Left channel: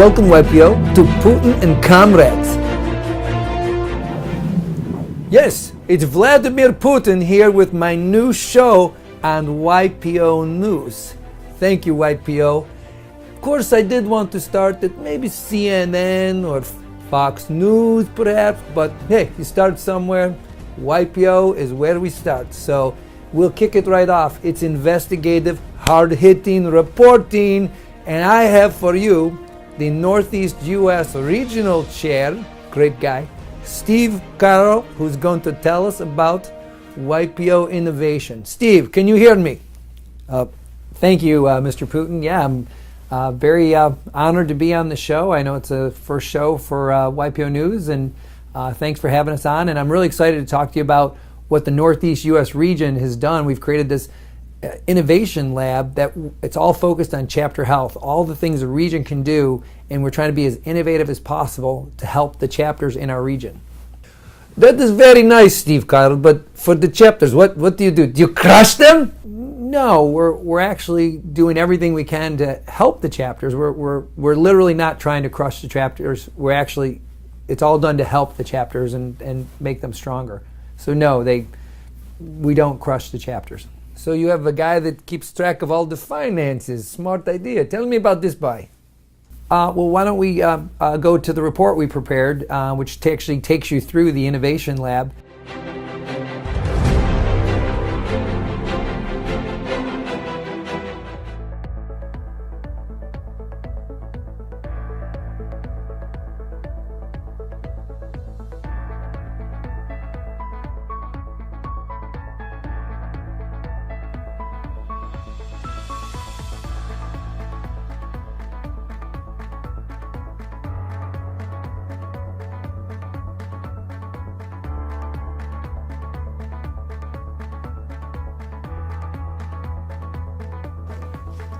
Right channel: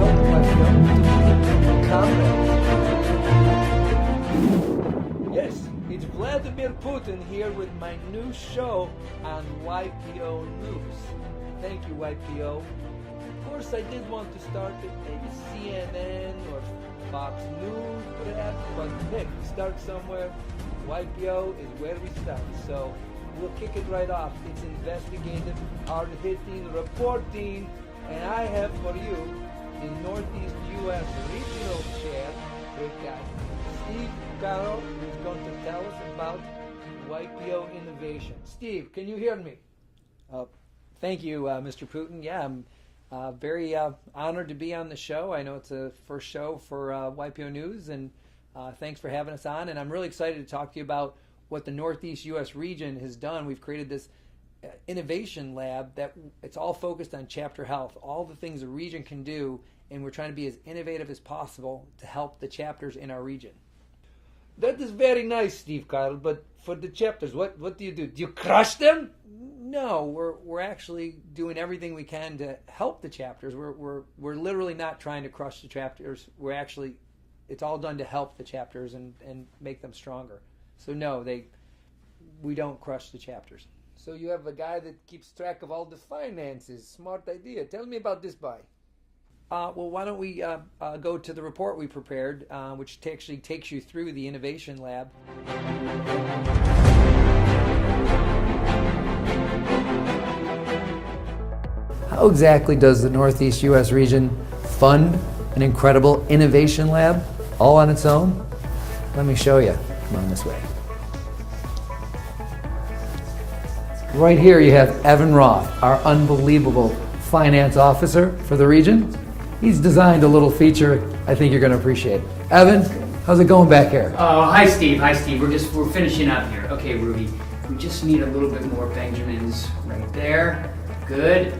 Welcome, YPO, to Putin and Comrades. Yes, it's Vladimir Putin here with my new show on YPO News. Thank you, YPO. Of course, I did want to start at maybe CNN or Fox News, perhaps, but hey, you start somewhere. YPO is where we start. So we'll kick it right off. It's investigative, hard-hitting reporting, and I have for you the Northeast U.S. Regional Chair, great guy, Steve Carroll, who's going to tell us about YPO innovation. Steve, can you hear me? Thank you, Mr. Putin. Yeah, I'm very honored to be on the show. I know it's a first show for YPO News, and thanks for having us on. And I'm really excited to talk to you about what the Northeast U.S. region has done. We've created this innovation lab that it's all focused on chapter health, all the things the region can do, and we're trying to be as innovative as possible to help the chapters in our region. That is very nice, Steve Carroll, but for the chapters, what do you do? Do you crush them? No, we're actually doing everything we can to help the chapters. We're literally not trying to crush the chapters. We're actually, it's all done to help the chapters and make them stronger. So no, we don't crush the chapters. So you have a guy that keeps track of all the finances. Smart idea. Tell me about this guy. Well, why don't we go to the report we prepared, which actually takes you through the innovation lab. How exactly does the Northeast U.S. region fund an incredible innovation lab all on its own? Let me show you. Come on this way. Right here you have Evan Roth, our unbelievable finance officer for the region. He's designed a little feature I think you're going to appreciate. Evan, how's it going back here? Oh, hi Steve. Hi Steve. We're finishing up here. Okay, Ruby. We just need a little bit more Benjamins right there. Good.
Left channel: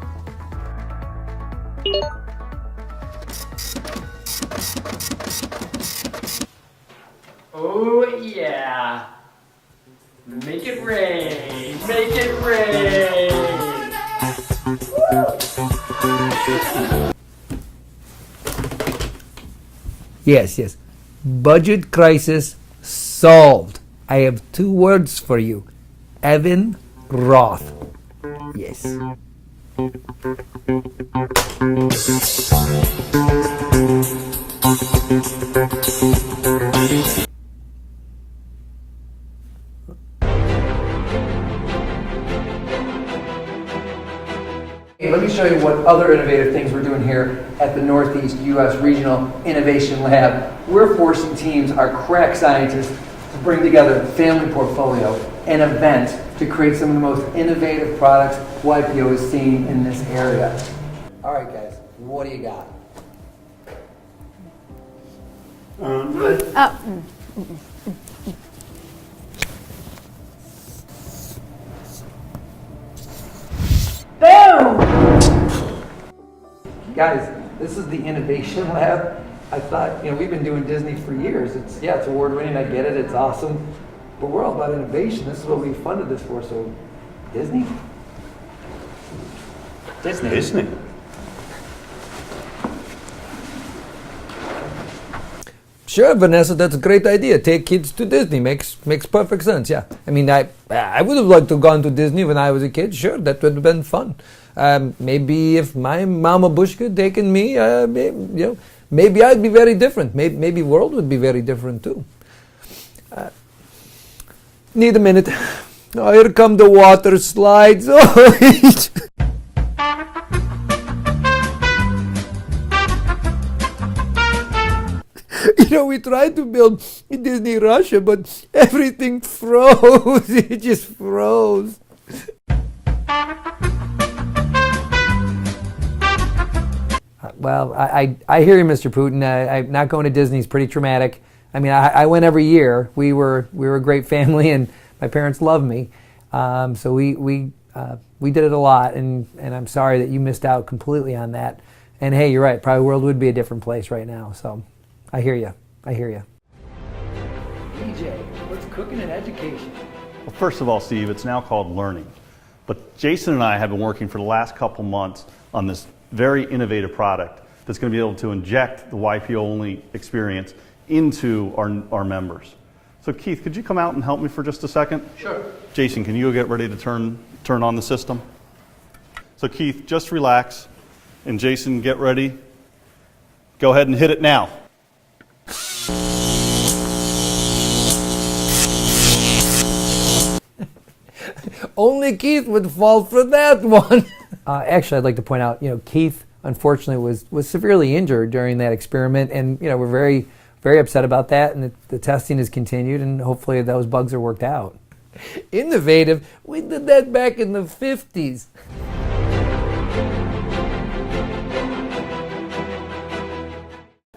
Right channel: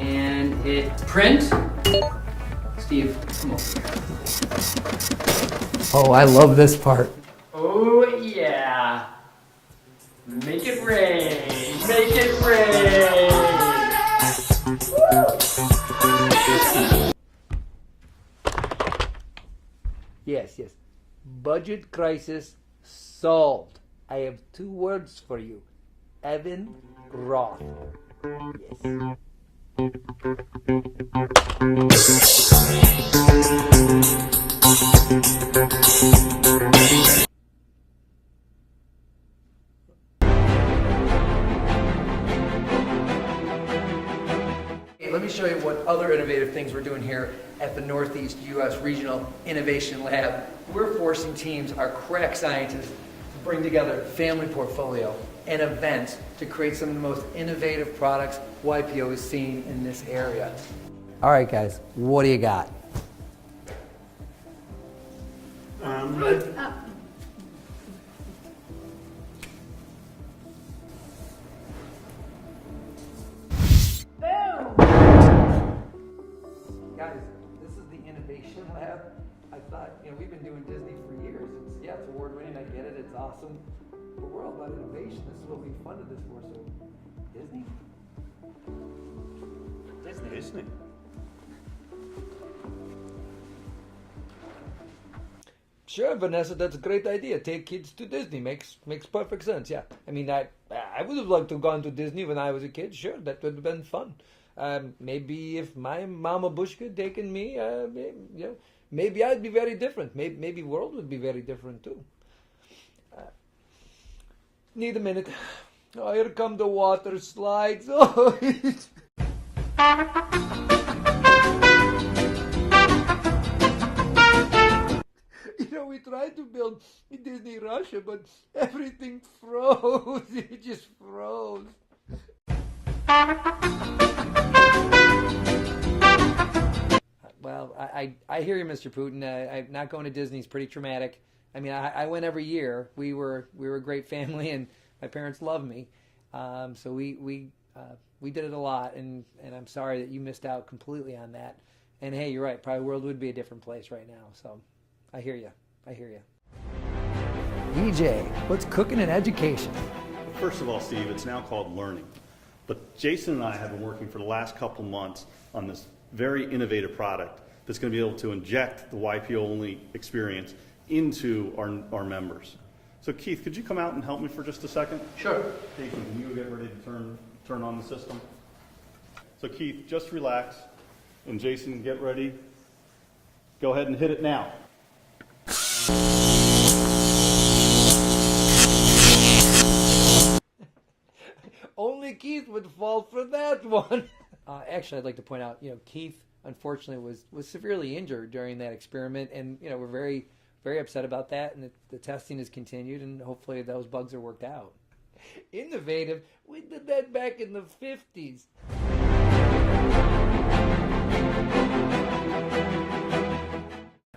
And hit print. Steve, come on. Oh, I love this part. Oh yeah. Make it rain. Make it rain. Yes. Budget crisis solved. I have two words for you. Evan Roth. Yes. Let me show you what other innovative things we're doing here at the Northeast U.S. Regional Innovation Lab. We're forcing teams, our crack scientists, to bring together family portfolio and events to create some of the most innovative products YPO is seeing in this area. All right, guys, what do you got? Guys, this is the Innovation Lab. I thought, we've been doing Disney for years. It's award-winning, I get it, it's awesome. But we're all about innovation. This is what we funded this for, so Disney? Disney. Sure, Vanessa, that's a great idea. Take kids to Disney. Makes perfect sense, yeah. I mean, I would have liked to have gone to Disney when I was a kid. Sure, that would have been fun. Maybe if my mama Bushka had taken me, maybe I'd be very different. Maybe world would be very different too. Need a minute. Oh, here come the water slides. We tried to build Disney Russia, but everything froze. It just froze. Well, I hear you, Mr. Putin. I'm not going to Disney is pretty traumatic. I mean, I went every year. We were a great family, and my parents loved me. So we did it a lot, and I'm sorry that you missed out completely on that. And hey, you're right. Probably the world would be a different place right now. So I hear you. EJ, what's cooking in education? Well, first of all, Steve, it's now called learning. But Jason and I have been working for the last couple months on this very innovative product that's going to be able to inject the YPO-only experience into our members. So Keith, could you come out and help me for just a second? Sure. Jason, can you go get ready to turn on the system? So Keith, just relax. And Jason, get ready. Go ahead and hit it now. Only Keith would fall for that one. Actually, I'd like to point out, Keith unfortunately was severely injured during that experiment, and we're very, very upset about that. And the testing has continued, and hopefully those bugs are worked out. Innovative. We did that back in the 50s.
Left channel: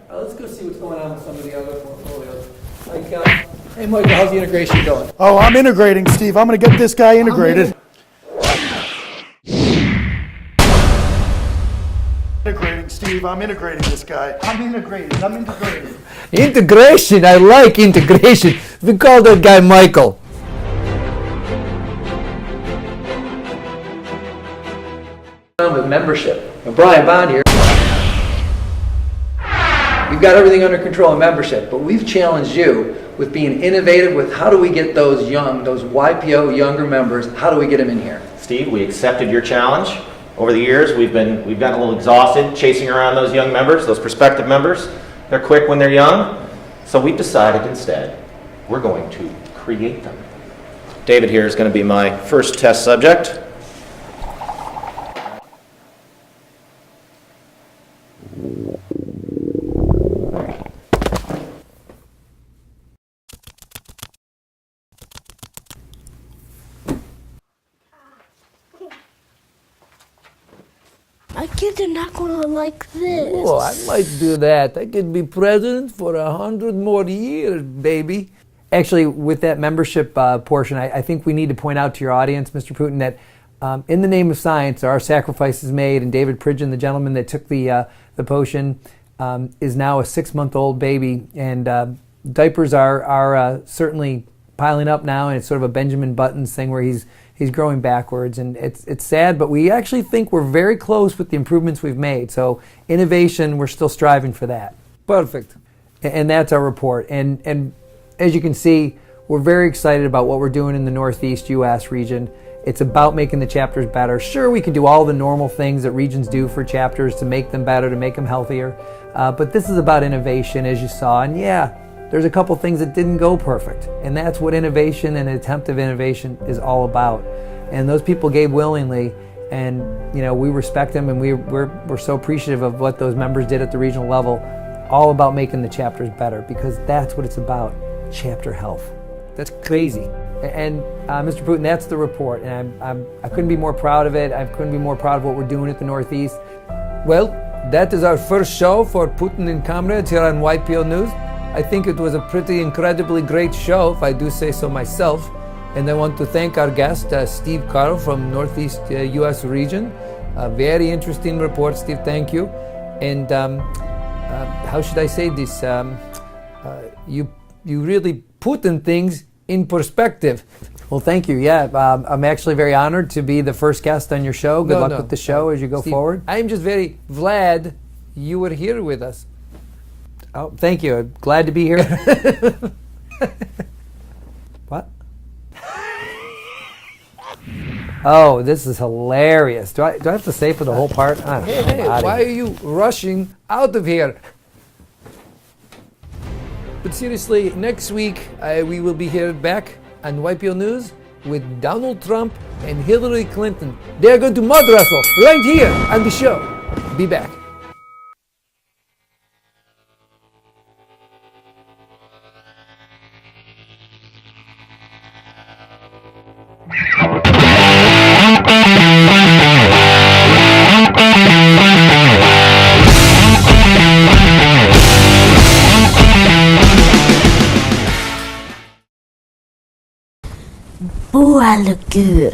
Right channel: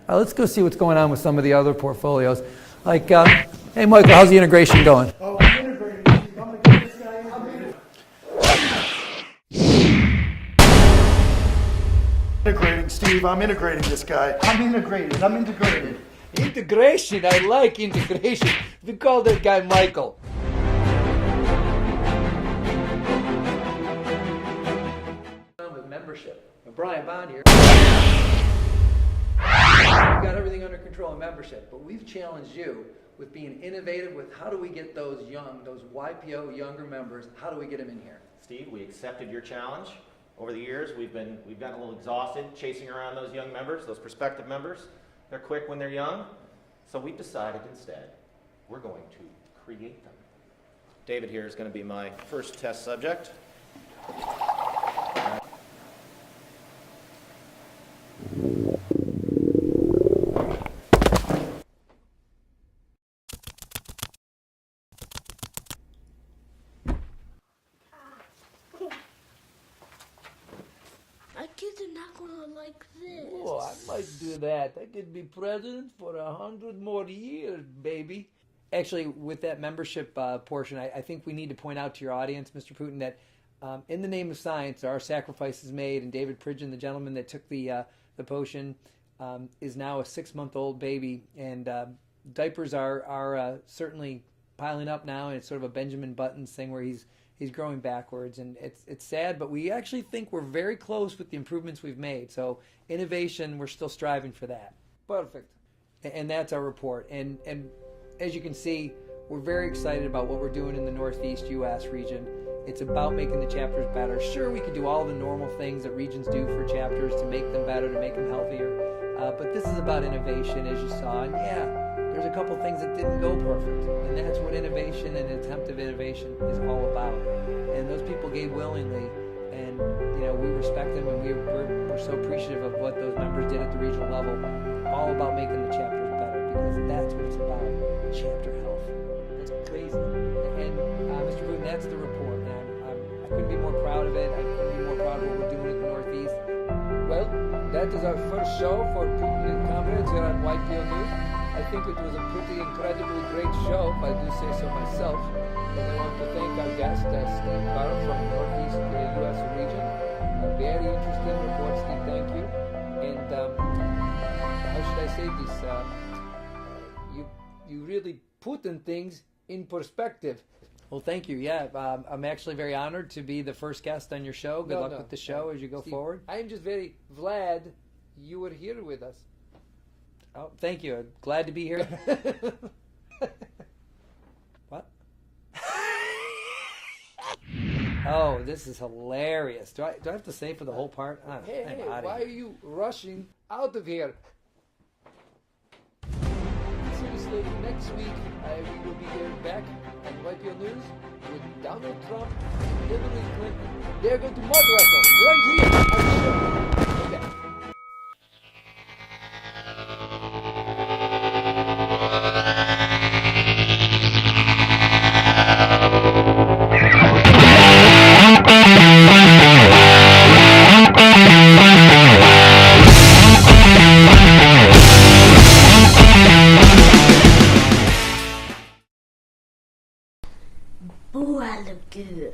Let's go see what's going on with some of the other portfolios. Like, hey Michael, how's the integration going? Oh, I'm integrating, Steve. I'm going to get this guy integrated. Integrating, Steve. I'm integrating this guy. I'm integrated. Integration, I like integration. We call that guy Michael. With membership. Brian Bond here. We've got everything under control in membership, but we've challenged you with being innovative with how do we get those YPO younger members, how do we get them in here? Steve, we accepted your challenge. Over the years, we've gotten a little exhausted chasing around those young members, those prospective members. They're quick when they're young. So we decided instead, we're going to create them. David here is going to be my first test subject. My kids are not going to like this. Oh, I might do that. I could be president for 100 more years, baby. Actually, with that membership portion, I think we need to point out to your audience, Mr. Putin, that in the name of science, there are sacrifices made, and David Pridgeon, the gentleman that took the potion, is now a 6-month-old baby, and diapers are certainly piling up now, and it's sort of a Benjamin Buttons thing where he's growing backwards, and it's sad, but we actually think we're very close with the improvements we've made. So innovation, we're still striving for that. Perfect. And that's our report. And as you can see, we're very excited about what we're doing in the Northeast U.S. region. It's about making the chapters better. Sure, we can do all the normal things that regions do for chapters to make them better, to make them healthier. But this is about innovation, as you saw. And yeah, there's a couple things that didn't go perfect. And that's what innovation and attempt of innovation is all about. And those people gave willingly. And we respect them, and we're so appreciative of what those members did at the regional level, all about making the chapters better, because that's what it's about, chapter health. That's crazy. And Mr. Putin, that's the report, and I couldn't be more proud of it. I couldn't be more proud of what we're doing at the Northeast. Well, that is our first show for Putin and Comrades here on YPO News. I think it was a pretty incredibly great show, if I do say so myself. And I want to thank our guest, Steve Carl from Northeast U.S. region. A very interesting report, Steve, thank you. And how should I say this? You really put in things in perspective. Well, thank you. Yeah, I'm actually very honored to be the first guest on your show. Good luck with the show as you go Steve, forward. I'm just very glad you were here with us. Oh, thank you. I'm glad to be here. What? Oh, this is hilarious. Do I have to say for the whole part? Hey, why are you rushing out of here? But seriously, next week we will be here back on YPO News with Donald Trump and Hillary Clinton. They are going to mud wrestle right here on the show. Be back. Boa, le cœur.